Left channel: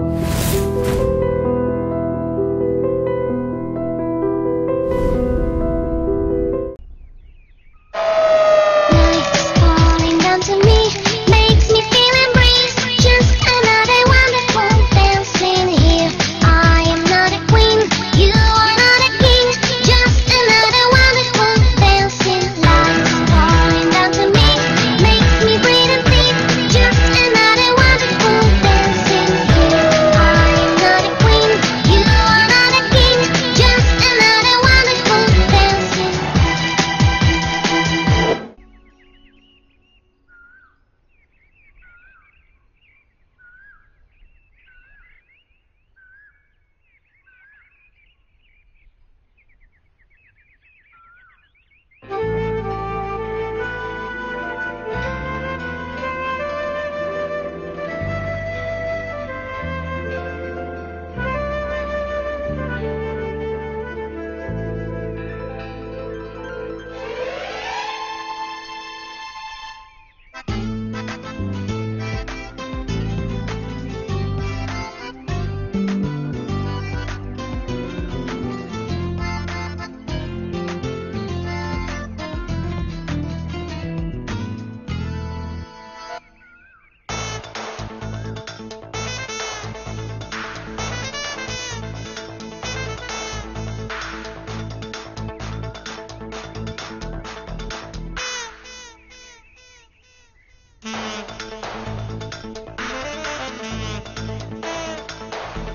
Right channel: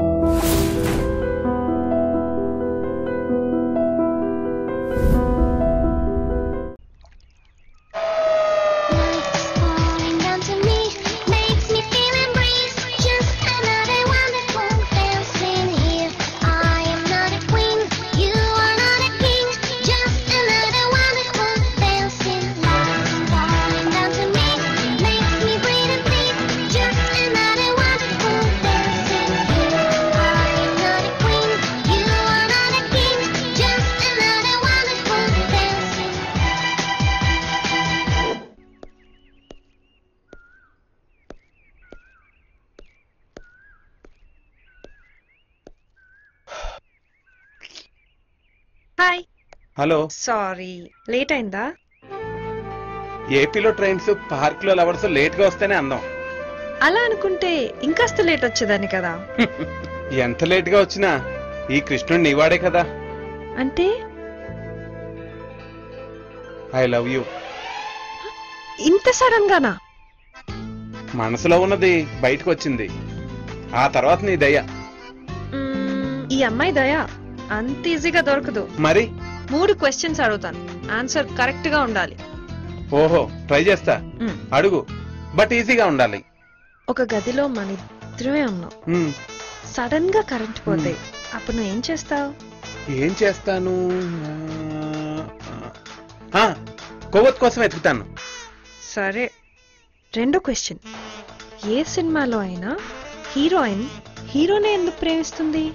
Hi. Hello. Sorry late అయిందా? ఏపీలో trains park లో లవర్స్ లేట్ గా వస్తేనే అందం. అలా అనుకుంటే ఇంకాస్త లేట్ వచ్చేదాన్ని కదా. ఎంత లేట్ గా వచ్చినా ఈ కృష్ణుడు నీవాడే కదా. అంటే ఐ లవ్ యూ. ఇంత సడన్ గానా? మనసులో ఉన్నది బయటకు వచ్చింది. ఆ తర్వాత నీ దయ. ఈ అమ్మాయి దయ అంత ఈజీగా దొరకదు. మరి 3 క్వశ్చన్స్ అడుగుతాను, ఆన్సర్ కరెక్ట్ గా ఉండాలి. ఓహో, ట్రై చేస్తా. అడుగు, బట్ ఈజీగా ఉండాలి. ఒక గదిలో మాత్రమే ఉన్నావు, సడన్ గా కరెంట్ పోతే అప్పుడు నువ్వు ఏం చేస్తావు? ఏం చేస్తాను? కొవ్వొత్తు కోసం ఎత్తుతాను. సరే, 2వ క్వశ్చన్. ఏ సినిమాలో అయినా హీరోయిన్ హీరోనే ఎందుకు ప్రేమిస్తుంది?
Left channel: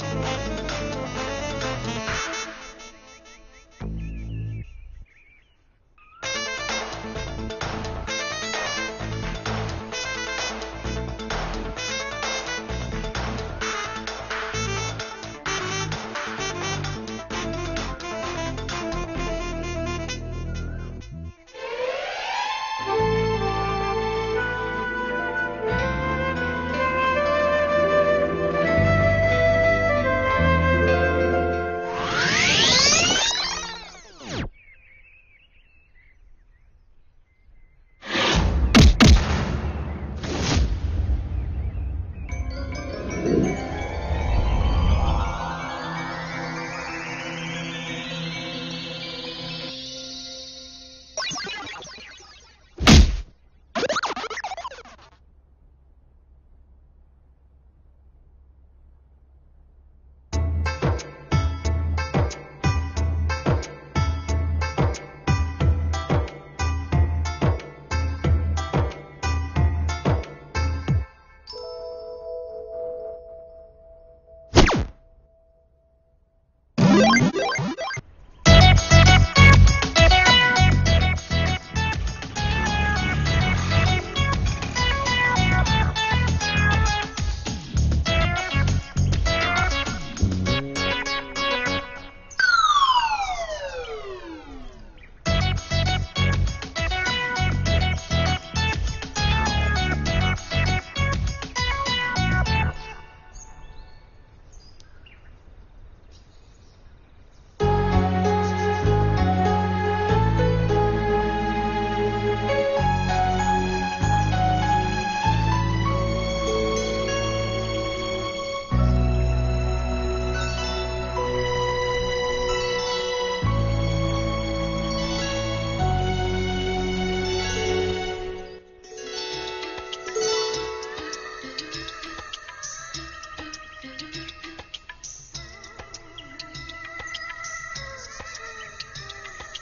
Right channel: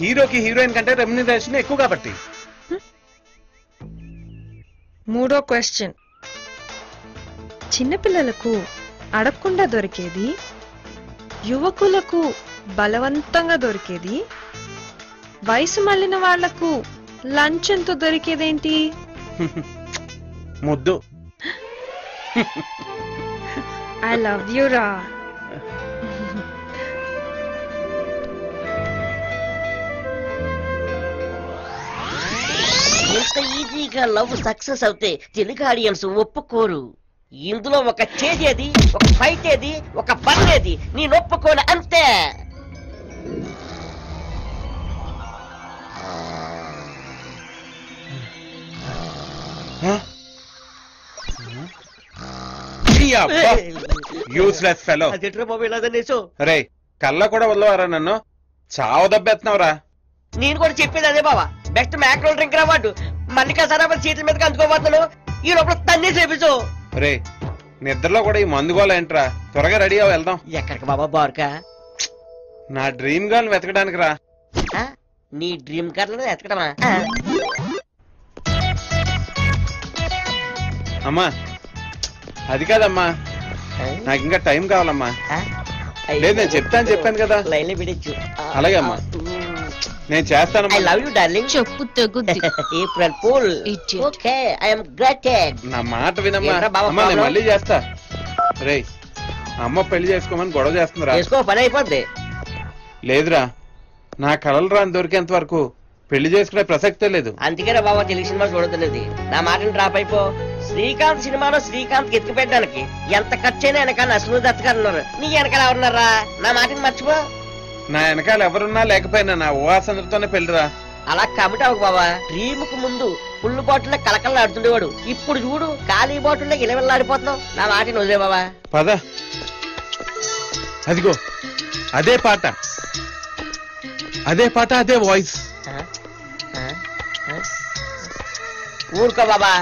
హీరోకి హీరోయిన్ కంటే రెమ్యునరేషన్ ఎక్కువ కాబట్టి. 3వ క్వశ్చన్. చిన్నపిల్లలకు అడగకుండా దొరికేది, యువకులకు బలవంతంగా దొరికేది, వయసు మళ్ళిన వాళ్లకు లంచంతో దొరికేదేంటి? ముద్దు. ఐ లవ్ యూ రా. లవ్ సక్సెస్ అవుతే తెలుగు ఆడియన్స్ ఒప్పుకోరు. ఇందులో ఒక చేసేది, ఒక ఫైట్ ఏది, ఒక పన్నేది నేను ఒప్పుకోను అంతే. Useless fellow. రే, కళ్ళ కూడా వదలవారా నన్ను? చావు దెబ్బెత్తున్నావురా. నేను కూడా చెప్పేది అదే బావా. బెస్ట్ మ్యాక్రో డ్రింక్ రావాడు మన్నికా సరాబర్ చేతుల మీదకి అందుకోబోతాడు. ఈ లోపల తన్నే చేపించు. రే, నిద్రలో కూడా ఈ మందుగోళ ఏంట్రా? త్వరగా రెడీ అవ్వ, వెళ్దాం. ఎక్కడికి బాబా? బార్కా? నా డ్రీమ్ గర్ల్ వెతకడానికి రా. నీ డ్రీమ్ గర్ల్ వెతకడమా? అమ్మా, అది కాదమ్మా, నాకు ఇంకా టైం కావాలమ్మా. లేదు, నేను చెప్పాను కదా. లైన్లో పిడించు. అలాగే అమ్మా, నేను చేస్తానమ్మా. నా మాట వినమ్మా. నేను మళ్ళీ చేస్తా. రే, అమ్మ పెళ్లి చేసుకోమని గొడవ చేస్తుందిరా. పని అయిపోద్ది. లేదురా, నా కళలు రాని దొరికేంత వరకు పెళ్లి చేసుకునే ప్రసక్తే లేదు. అందుకేనా బాబా తెలుగు సినిమా చూడలేదు. నా మాటను డ్రాప్ అయిపో. శ్రీకాంత్ సినిమాలో శ్రీకాంత్ ఎత్తి పెట్టడానికి ఎంత ఖర్చైనా వెనకాల అసలు దత్తగారున్నారు. నీ వెనకాల ఎవరున్నారా? నా మాటను మర్చిపో. నా వెనకాల ఎవరున్నా లేకపోయినా నా ఊహాసనతోనే పెళ్లిరా. అలా కాబట్టి అవు బాబా. డ్రీముకు ముందు ఫుల్ బాటిల్లో కలకల్లా ఆడుతుండేవాడు. ఇప్పుడు చూడు, ఖాళీ బాటిల్లో ఇలవెల్లాడిపోతున్నావు. నా మాటను వదిలే బాబా. పద. అదిగో అదే పాట, అదే వాయిస్. ఊరుకో బాబా.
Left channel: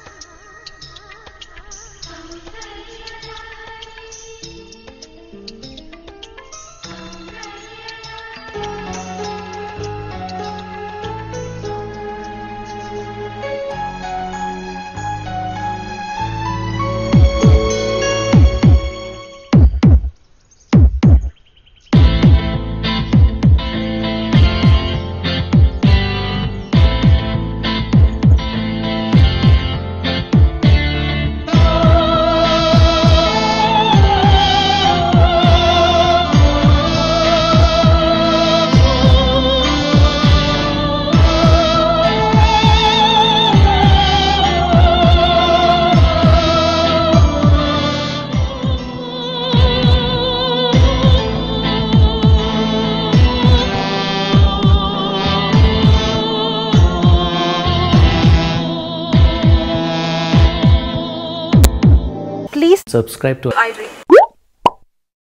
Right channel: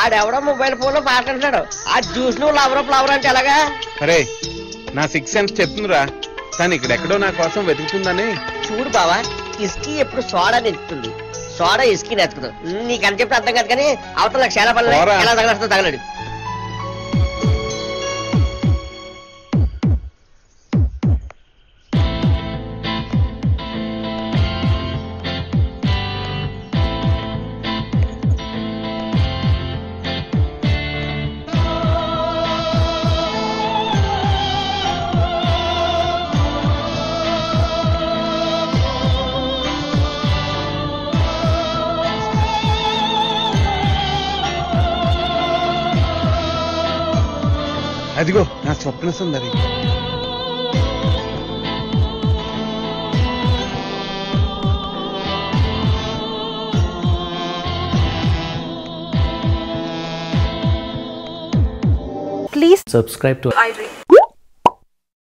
ఆడెవడో మొబైల్ ఫోన్ లో పాట అంటున్నాడు. ఆ జ్యూస్ నువ్వు లవర్ ఫ్లవర్ అంటే ఎలాగా? అరే, నా 6th సెన్స్ చెప్తుందిరా. కానీ ఇక్కడెక్కడో నా కోసం వెతుకుతుందని. చూడు బావా, ఇస్కీ ఎప్పుడు సోడా నెత్తుతుంది, సోడా ఇస్కీ నెత్తదు. నీకు అని చెప్పి అర్థం కాదు. కానీ అవతల చాలా పనులు ఎలా తగలడుతుందో తగలడు. వచ్చిందని. Please subscribe to iDream.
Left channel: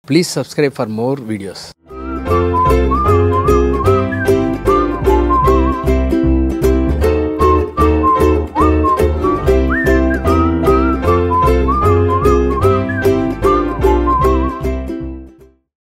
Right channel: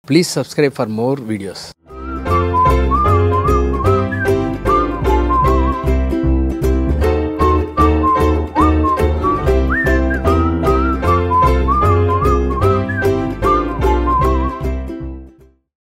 Please subscribe for more videos.